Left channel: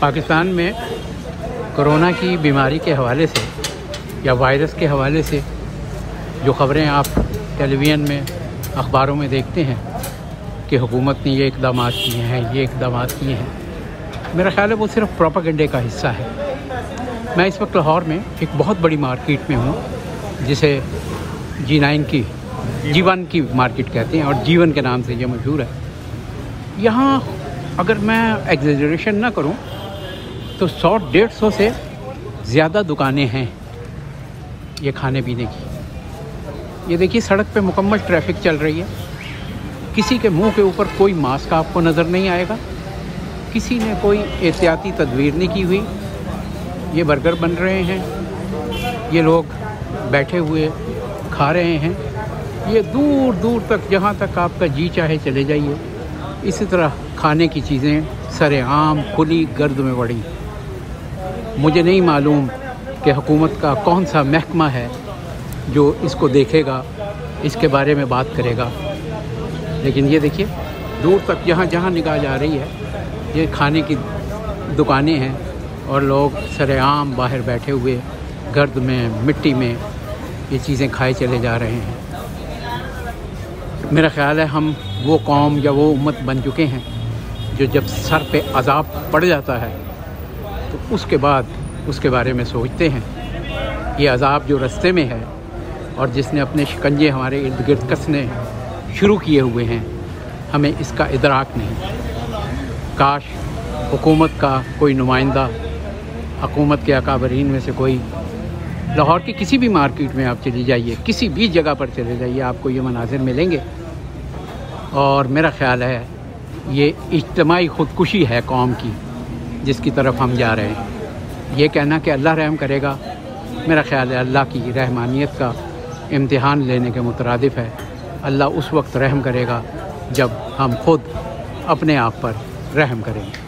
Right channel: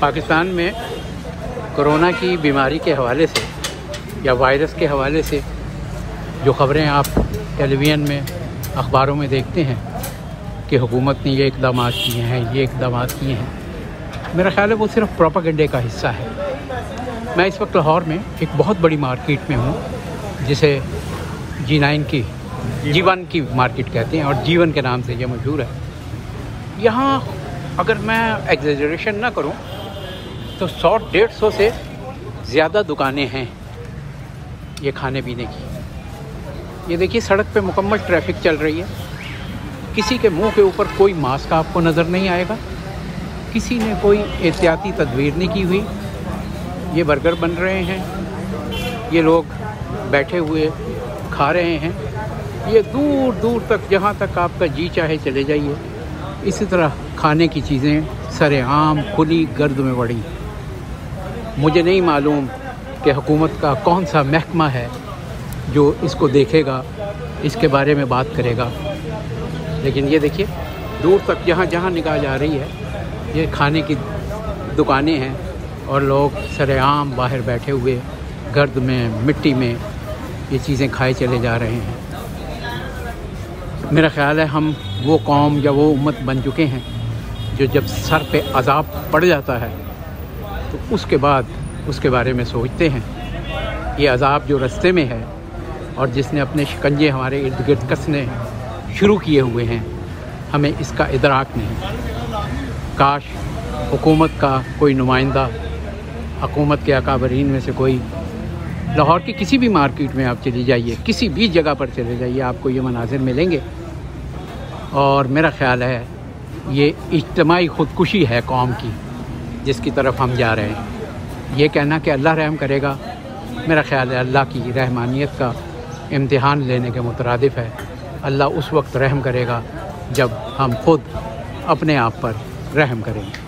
पाकिस्तान में कोरोना की बीमारी के हवाले से या वायरस के हवाले से जो खबरें आप टेलीविज़न में, अखबारों में देखते हैं कि हुकूमत ने ये इक़दामात किए हैं, ये इक़दामात किए हैं, मेरा ख्याल है वो सिर्फ प्रोपेगेंडे का हिस्सा है। मैं इस वक्त लाहौर में एक बहुत बड़ी मार्केट में हूँ जिसे G1 की मार्केट कहते हैं और जीवन के नाम से जो मशहूर है। यहाँ अगर मैं एग्जेजरेशन ना करूँ तो 100-150 से ज़्यादा दुकानें हैं ये खाने पीने की। ये देखिए सड़क पे मुकम्मल ट्रैफिक चल रही है, किसी के मुंह के ऊपर कोई मास्क आपको नज़र नहीं आएगा, किसी ने कोई एहतियाती तदबीर नहीं की हुई। ये बर्गर बन रहे हैं, ये लोग बैठे हुए खा रहे हैं, ये दूर दूर तक जहाँ तक आपका जी चाहे चले जाइए। इसी तरह खाने की चीज़ें सरेआम खुली गर्द में पड़ी। मुझे नहीं मालूम कि हुकूमत का कौन सा महकमा है जो इसको देखेगा, इसके बारे में बात करेगा, लेकिन ये देखिए दूर तक जहाँ जहाँ निगाह जा रही है ये खाने की दुकानें हैं और लोग सरेआम बाहर बैठे हुए गर्द में, मिट्टी में ये चीज़ें खाए चले जा रहे हैं। मेरा ख्याल है हम वो कौम या वो उम्मत बन चुके हैं जो जब सर पे अज़ाब पड़ जाता है तो उसके बाद उसके बारे में सोचते हैं। ये अज़ाब जो रास्ते में है और जिसने अपने शिकंजे हमारे इर्द गिर्द कसने शुरू किए हुए हैं, हमें इसका इदराक नहीं। काश हुकूमत का कोई नुमाइंदा, हुकूमत के अकाबरीन में से कोई लाहौर की किसी भी मार्केट में आप चली जाइए, किसी भी जगह पर चले जाइए, आपको ये मनाजिर मिलेंगे। और मेरा ख्याल है ये इज्तिमाई खुदकुशी है कौम की जिसकी तरफ हम जा रहे हैं। ये कहना कि अल्लाह रहम करेगा, मेरा ख्याल है अल्लाह की रहमानियत का इम्तिहान लेने के मुतरादिफ है। अल्लाह उस वक्त रहम करेगा जब हम खुद अपने आप पर रहम करेंगे।